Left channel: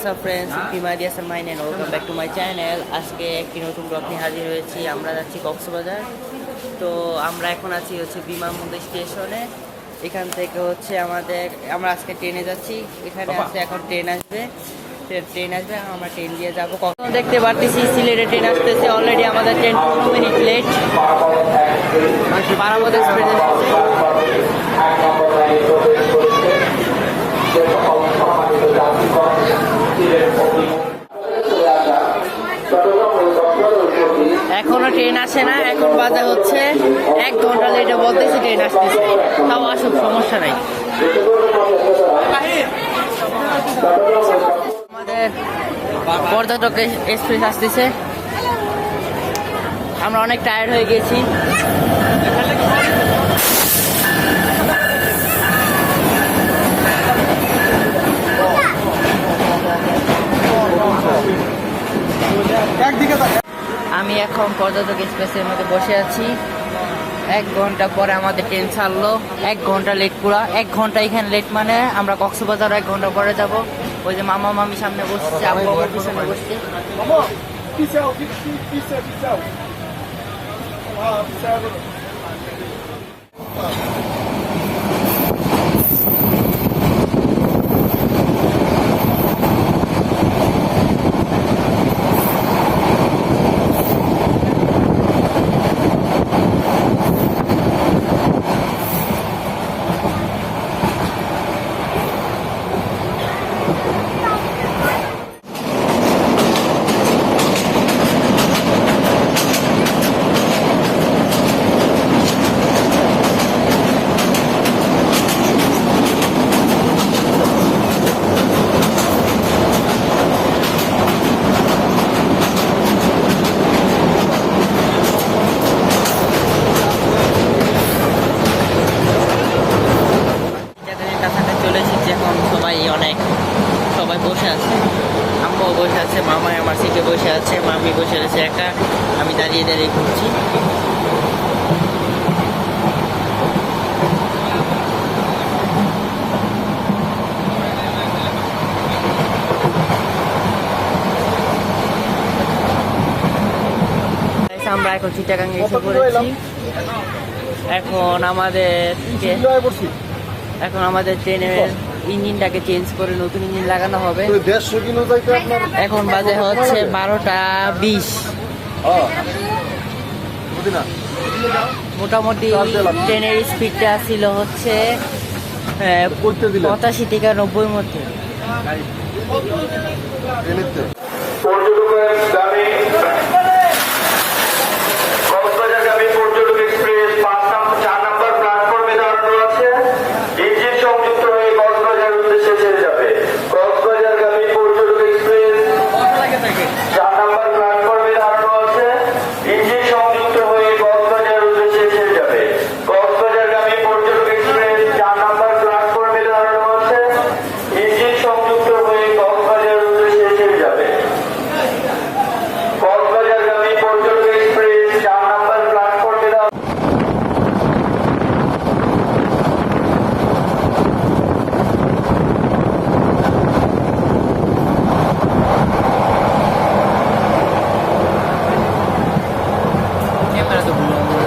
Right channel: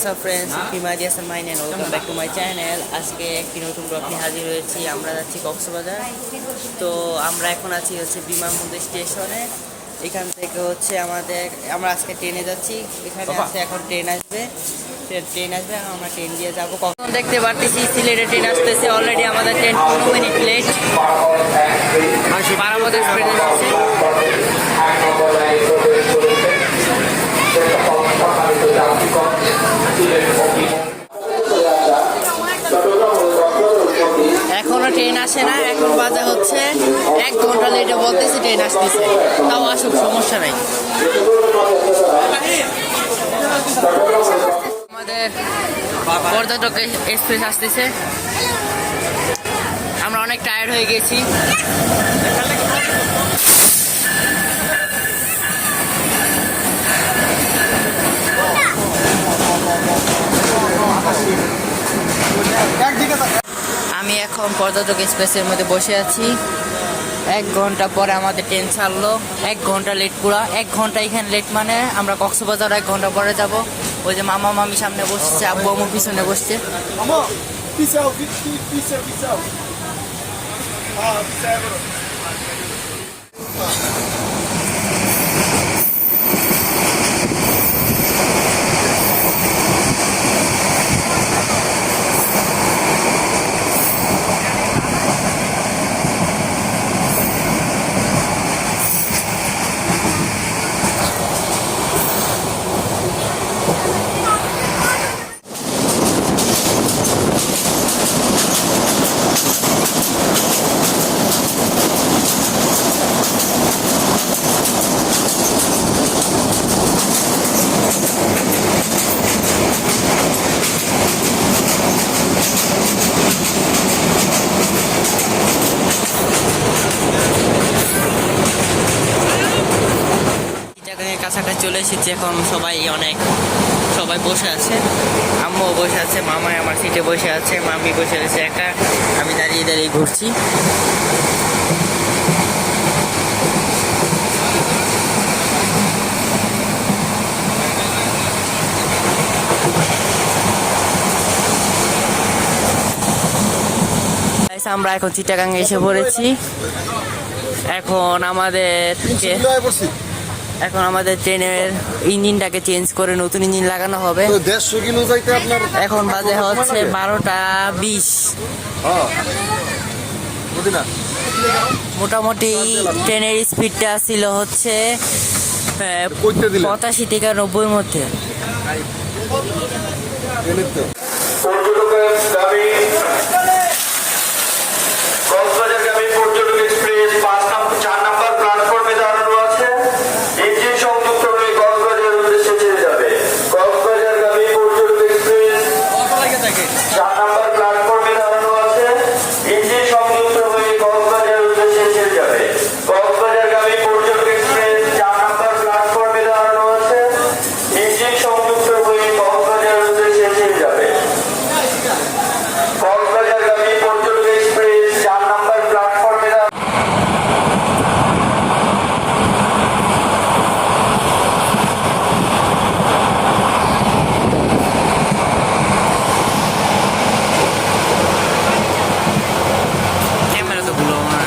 WhatsApp friends Himadi Hasan mine and welcome back to my channel আজকে একটি নতুন ব্লগ নিয়ে হাজির হয়েছি। আমরা যাচ্ছি কক্সবাজার। তো আমরা এখন আছি হচ্ছে বিমানবন্দর স্টেশনে। এখান থেকে হচ্ছে আমাদের আমরা আজকে ট্রেনে যাচ্ছি। এখানে আছে এখন ট্রেন আসবে। ট্রেন আসবে। আমরা ট্রেন দিয়ে যাব। কখন দেখতে পারতেছি, সিলেটে ট্রেন আসতেছে। অলরেডি আমাদের ট্রেন পনেরো মিনিট লেট পারামদ এক্সপ্রেস এসেছে। এখনও ট্রেন আসে না, এখন বাজে হচ্ছে এক ঘণ্টা লেটে বলতেছে ট্রেন আসতেছে। তাও আসুক, সমস্যা নাই। আমাদের পর্যটক এক্সপ্রেস আসতেছে। আমরা অনেক টায়ার্ড হয়ে গেছি আমি এখন পর্যটক এক্সপ্রেসের মধ্যে বসে আছি। এক ঘণ্টা পরে আমাদের ট্রেন ছাড়লো। এক ঘণ্টা লেট পুরা। এক ঘণ্টা এখানে লেট মানে আমরা কক্সবাজার এক ঘণ্টা পরে যাব। ওই যে মামা মামি সামনে বসছে আমার পিছনে বসছে। Vamos! আছে মামি বসে আছে একা, আমি দাঁড়িয়ে দাঁড়িয়ে ঘুরছি। আমরা এখন চিটাগাঙ্গে এসে পড়েছি। এখন আমাদের এখন আমাদের ট্রেনের ইঞ্জিনটাকে চেঞ্জ করে নতুন ইঞ্জিন লাগানো হবে। এখন বাজে হচ্ছে বারোটা বিশ। মোটামুটি ট্রেনের স্পিডটা ছিল হচ্ছে পঁচাশি থেকে নব্বই মধ্যে এমনিতে পর্যটকগামী কক্সবাজারগামী পর্যটক এক্সপ্রেস পাঁচ নম্বর চার নম্বর প্ল্যাটফর্মে দাঁড়ানো আছে ইঞ্জিন সংযুক্ত হয়ে কক্সবাজার উদ্দেশ্যে ছেড়ে যাবে কক্সবাজারগামী পর্যটক এক্সপ্রেস চার নম্বর প্ল্যাটফর্মে দাঁড়ানো আছে ইঞ্জিন সংযুক্ত হয়ে কক্সবাজার উদ্দেশ্যে ছেড়ে যাবে কক্সবাজারগামী পর্যটক এক্সপ্রেস চার নম্বর প্ল্যাটফর্মে দাঁড়ানো আছে ইঞ্জিন সংযুক্ত হয়ে কক্সবাজার উদ্দেশ্যে ছেড়ে যাবে কক্সবাজারগামী পর্যটক এক্সপ্রেস চার নম্বর প্ল্যাটফর্মে দাঁড়ানো ক্যামেরা তো ভুলো আমার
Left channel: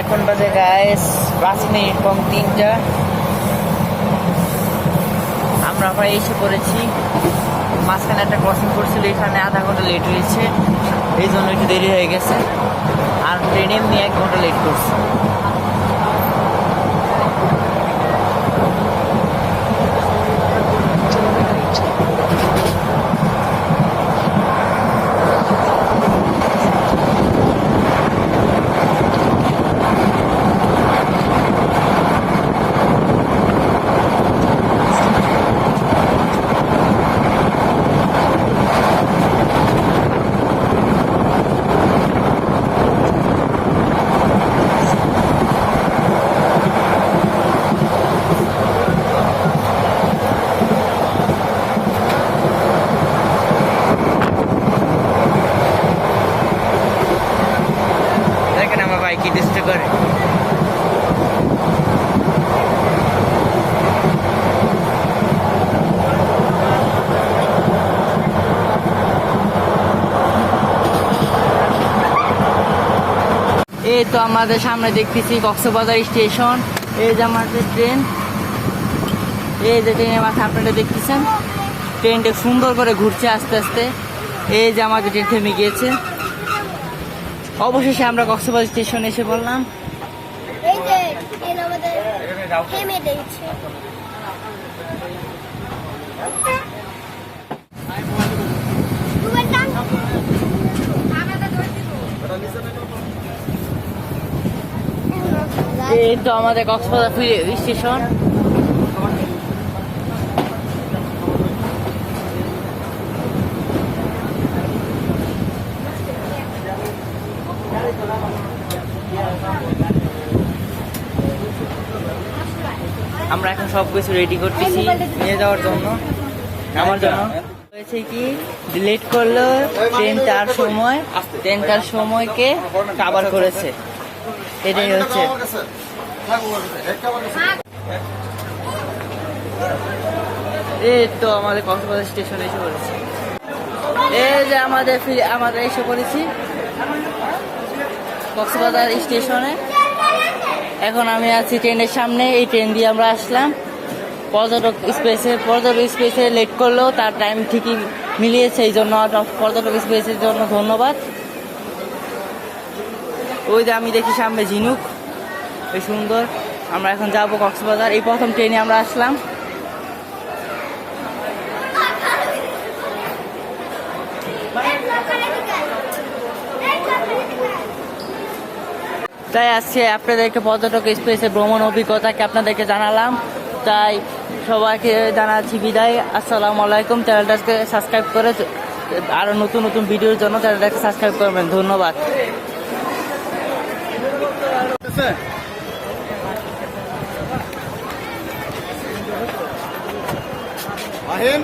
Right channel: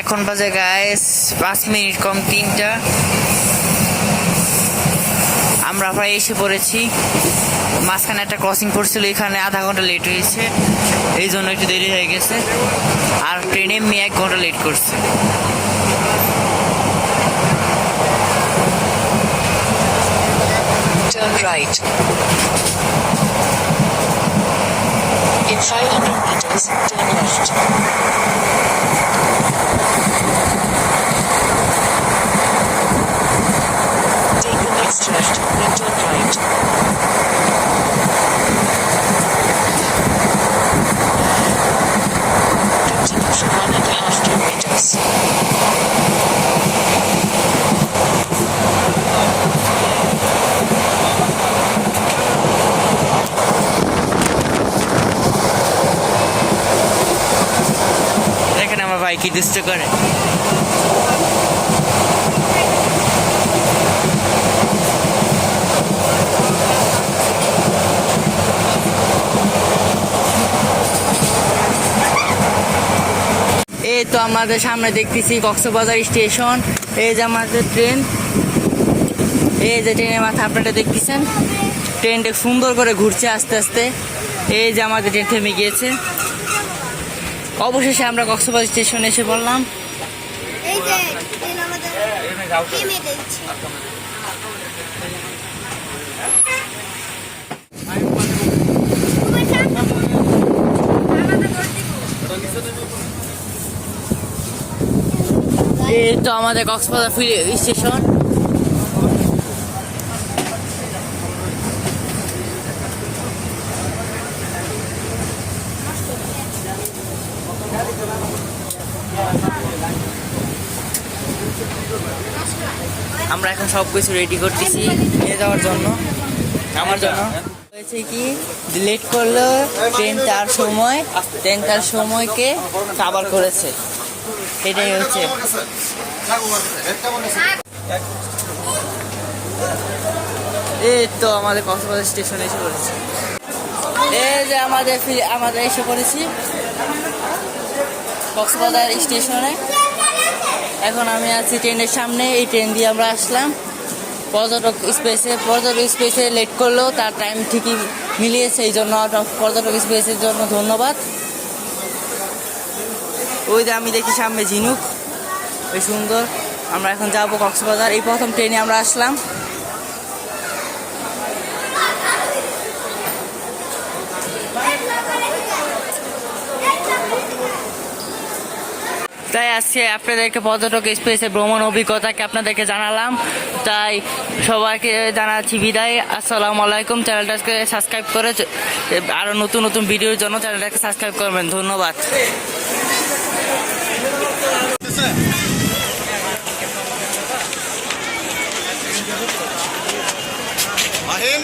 এখন বাজে গাইস পাঁচ মিনিট কম তিনটা। আমরা প্রায় এসে পড়েছি। মাঝখানে একটা ক্রসিং পড়ছিল এখানে আধা ঘণ্টা লেট হয়েছে। এই জন্য একটু দেরি হয়ে গেছে। আর ট্রেনে মেয়ে এক ঘণ্টা লেট করছে। তো আমাদের সামনে দেখতেছি কক্সবাজার স্টেশন। এই যে আমাদের ট্রেন। এই যে ট্রেনের মাথা আপনারা দেখতেছেন? ট্রেনটা সুন্দর করে ঘুরছে আস্তে আস্তে। এই যে আমাদের ট্রেন থেমে গিয়েছে। অবশেষে আমরা কক্সবাজার স্টেশনে এসে বললাম এই যে ট্রেন আমাদের থেমে দিচ্ছে তোমার নাম এই তো আমাদের কক্সবাজার ফিরে স্টেশন আমরা এখন সব কিছু রেডি করতেছি নিয়ে যাওয়ার জন্য। আমার জন্য। হয়েছে কি? লেট করল ট্রেনটার সময় ট্রেনটার সময়কে কাবার করেছে। এটাই হচ্ছে। এই তো আমাদের কক্সবাজার স্টেশনে এসে পড়েছি। এই যে আমাদের ফিরে- আমাদের এসে পড়েছি কক্সবাজার স্টেশনে। এখন আমি আছি ট্রেনের সামনে এই ট্রেন দিয়ে আমরা আসলাম। পর্যটক স্পেসে পর্যটক স্পেসে লেট করলেও তার টাইম ঠিকই মিলিয়েছে এই জন্য পর্যটক স্পেসের জন্য ধন্যবাদ। ওই যে আমি দেখি সামনে ঝিনুক। ওই সুন্দর। আমরা এখন যাব কক্সবাজার। এই প্রথম ট্রেনে আমরা আসলাম। তাই আজকে আপনাদেরকে পর্যটক স্পেসে ভ্রমণ অভিজ্ঞতাকে আপনাদেরকে জানালাম। তাই সবাইকে জানাচ্ছি বিদায়। আসসালামু আলাইকুম। চ্যানেলটাকে সাবস্ক্রাইব করে আরও নতুন নতুন ভিডিওর জন্য চ্যানেলটাকে সাবস্ক্রাইব করবেন। ধন্যবাদ। আহেন